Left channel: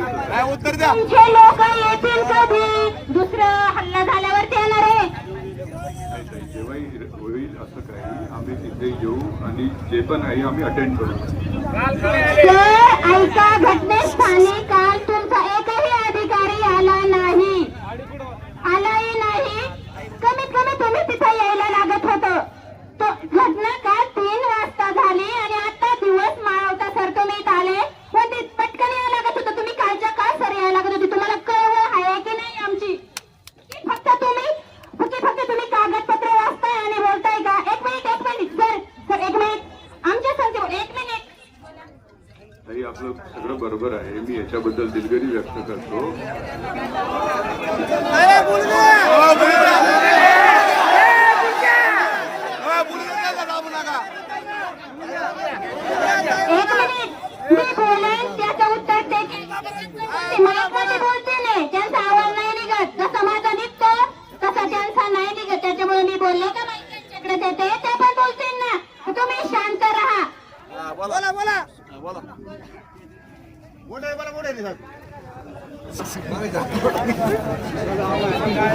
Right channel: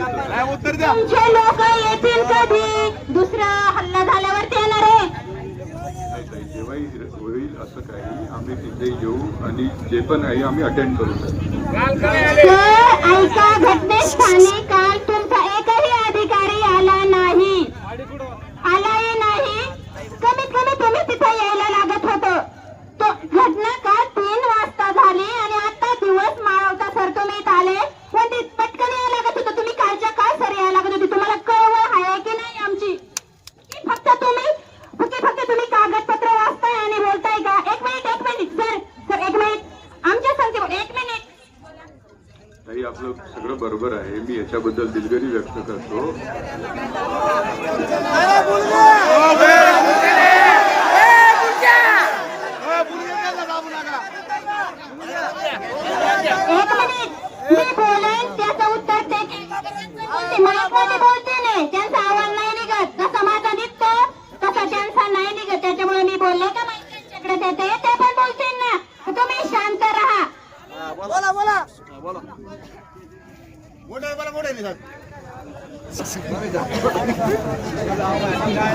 जे लोक येतील कधी? दुसरा हल्ला झाल्यावर ते येणार आहे एकही अधिकारी आला नाही. आलाही नाही. कमीत कमी तिथे यायला लागत होतं. घटना काल तीन वाजता झाली आणि आता दिवस माळवता सर तुम्ही आले. पण तिथं कागदपत्र वाचताय आणि बोलताय का? एक मिनिट एक मिनिट. सर सर एक मिनिट. आमच्या संख्येवर एक मिनिट. आपलं सगळं बरोबर आहे. मी याच्याबद्दल दिलगिरी व्यक्त करतो. एक मिनिट. मी बोलेन त्याचं उत्तर ते ते मला कोणी बोलते नाही बोला बोला. मोठे बरं मोठे